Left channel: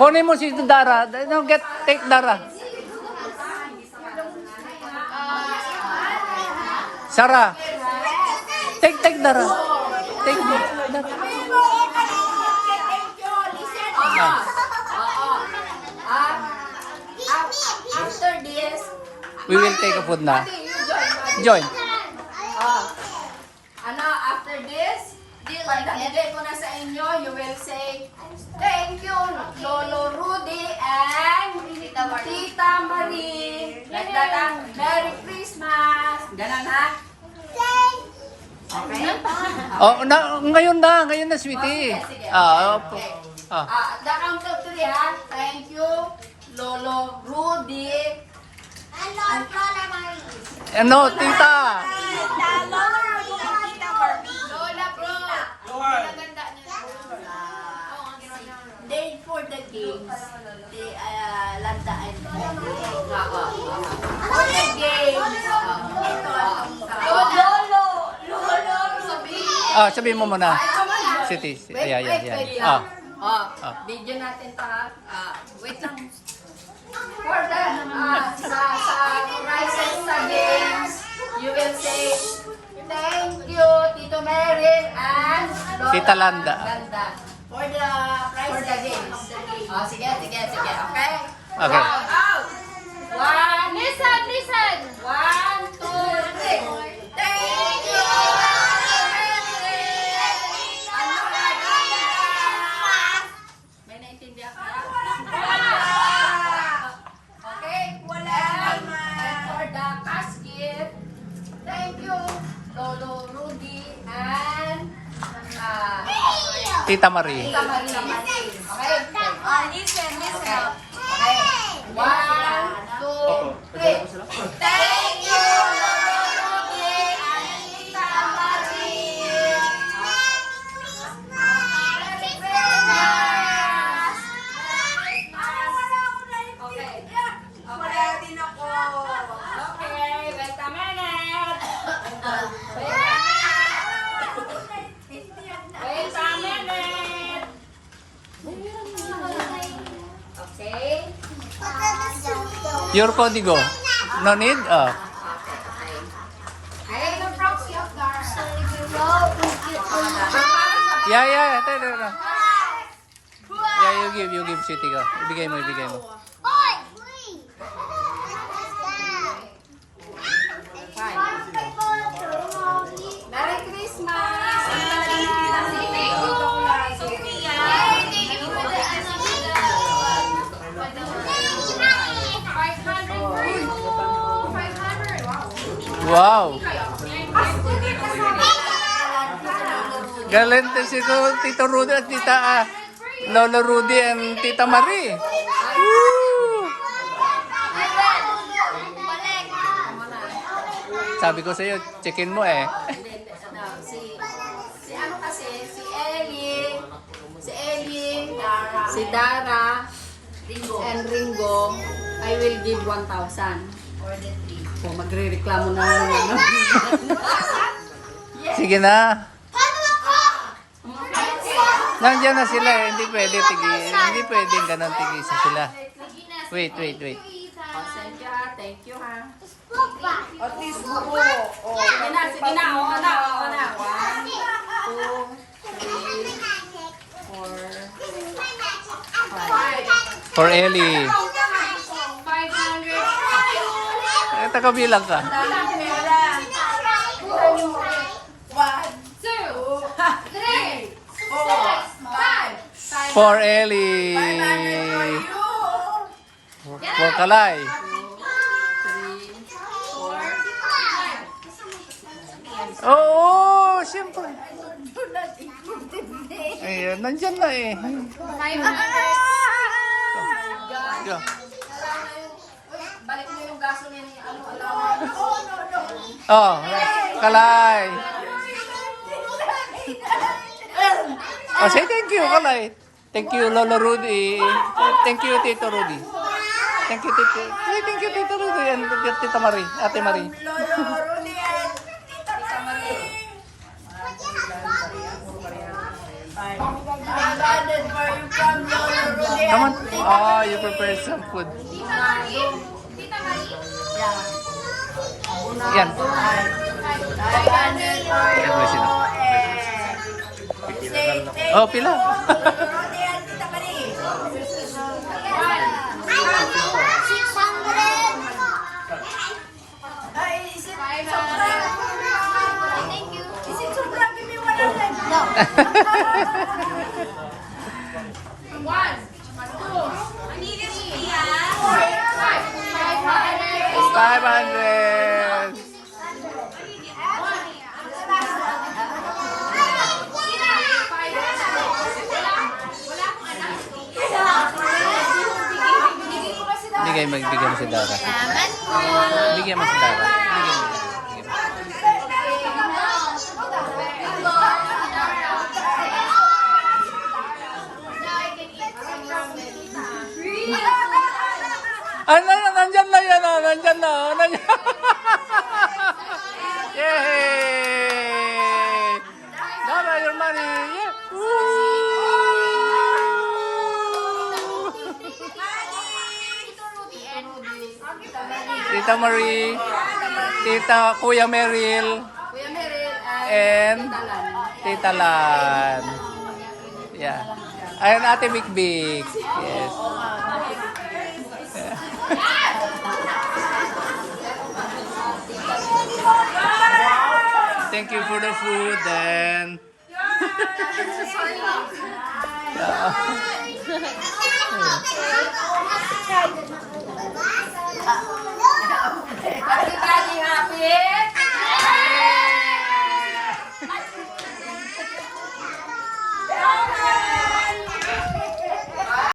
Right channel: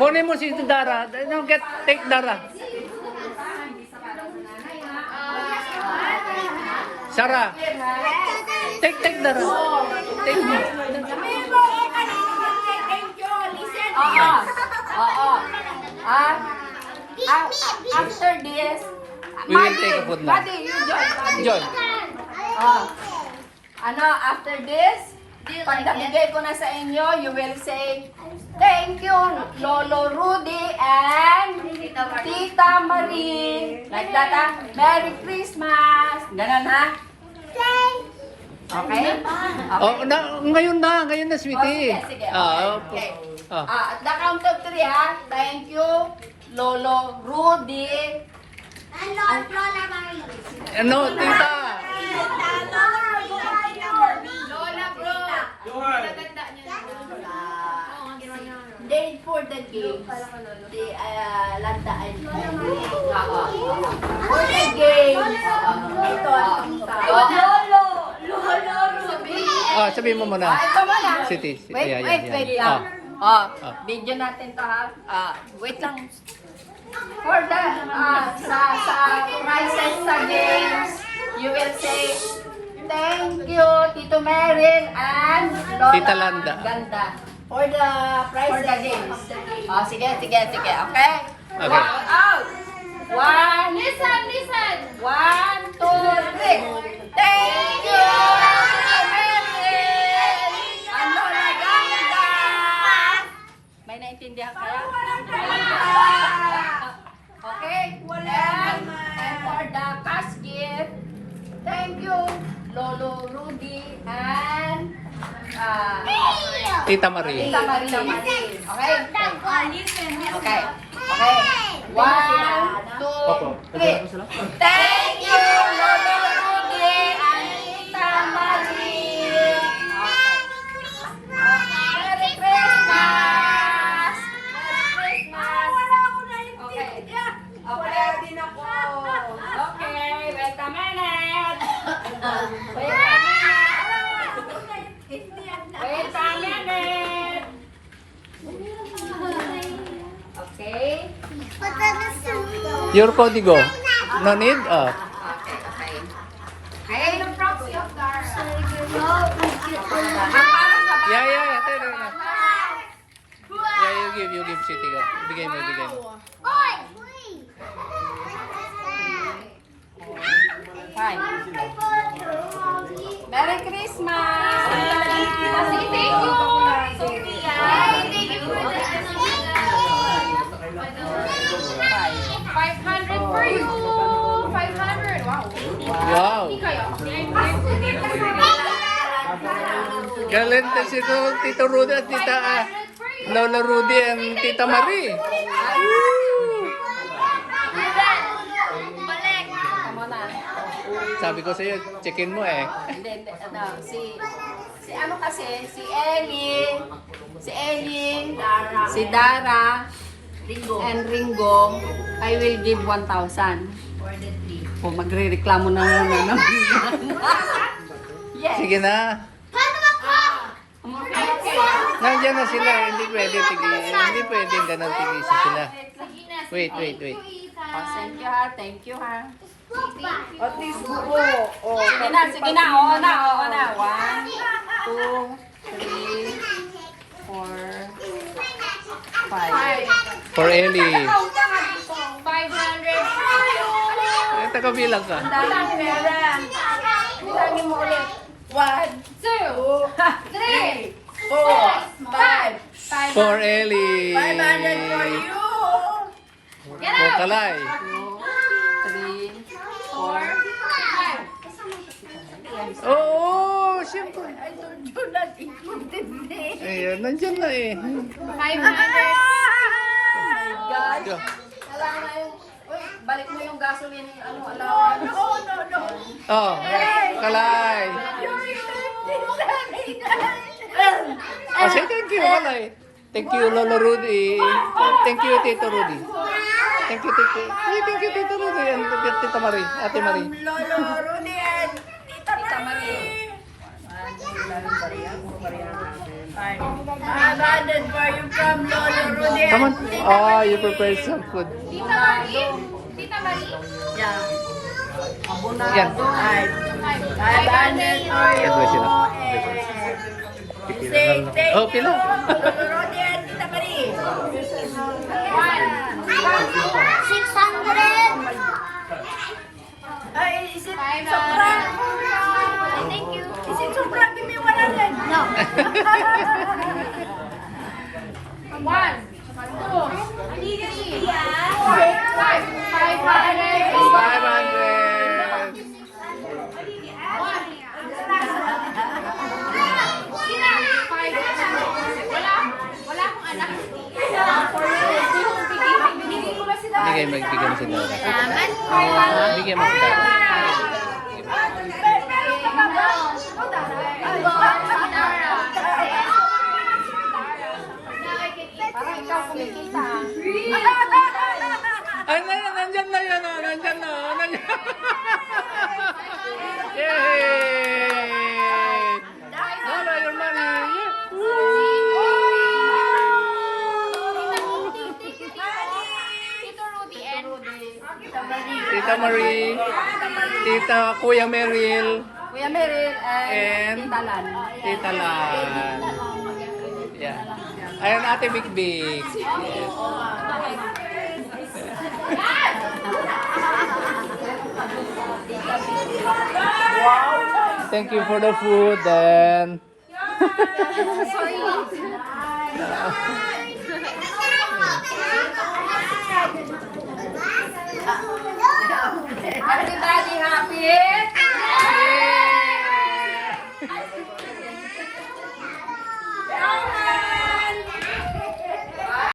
Kunin mo si Dara. No, take Dara. Sarah. Take Dara. Take me. After this, We will take a food na. Joy. after this, pag nabigay ko na sa inyo, you will say, thank you, Lolo Rudy and Tita Marie. Like that, ha? Merry Christmas. Ganun, ha? Okay? Oh, ngayon na, sweetie. Sige. Okay. At the count of 3, ha? Thank you, Lolo Rudy. Ano, tita? Lola, bro. They for the games. They landaan. For the games. Ito ang tao. Lolo. Sabihin mo muna. Ito mo na. City. Wait Ayan. lang. Video natin to, ha. Wait lang. For the sa prizes sa games, you will say thank you Tito Merin and Lola Tita Landa. Ganda for the prize for the games. Sige, okay? Okay. Out. One. Listen. 1, 2, 3. Thank you Tito Merin and Lola Ganda. May naintindihan kaya? Okay? And for the cash gift, thank you, Lolo Rudy and Tita Marie. Tita Marie. Okay? Okay. 1, 2, 3. Thank you, Lolo Rudy and Tita Marie. Merry Christmas! Okay, wait a minute. Wait a minute. Okay. Your código. No need? Okay. Yeah. Yeah, you give City ka. Ibigay mo. Fine. Merry Christmas! Thank you! 500 for you! 500! Wow! Wow. Galante si Tito Rudy at Tita Lola Rudy and Tita Marie. Woo! Sabi ko sa iyo, checkin mo eh. Hindi, si ano kasi, si Ellie, si Dara, and Ringo, I will give 1,000. Oh, magre-reklamo na naman. Yes. Sige na. Nandiyan na sila eh. Hindi pwedeng ganun tigisa sila. Wait. Oh, thank you ha. Sige na, oo na. 1, 2, 3, 4, 5. For Ellie. 500. Tagabilang ka. 1, 2, 3, 4, 5. For Ellie. 500 for you. For Kalay. 3, 4. Oo, siyempre. Ayun, nandyan na eh. 500. Go. Balik mo yung gasoline, allowance. Oh, Kalay. Oh, say thank you, Kalay. Thank you, Lolo Rudy. Thank you, Tito Rudy. Thank you, Tito. Thank you, Tito Rudy and Tita Marie, Ate Marie. Lolo Rudy and Tita Marie. Abandoned for you from Lolo Rudy. Come on. Oh, you prepared some food. Tita Marie. Tita Marie. Yeah. Yan. Abandoned for you. God bless you. You say thank Oh, pila. you, Lolo Rudy and Tita Marie. 600. Ay, is it sobra? Thank you. Is it sobra? Give me 100. No. 500. Bigay mo si Dara. Bigay mo si Dara. Nandyan na yan, nandyan na. Yay! Dara, your money. Yeah. Tita Marie, Tita Kuya Meryl, and Tita Lan. Yeah. Ayun, Ate Vic Vic. Yes. Thank you for the food then. Everybody happy?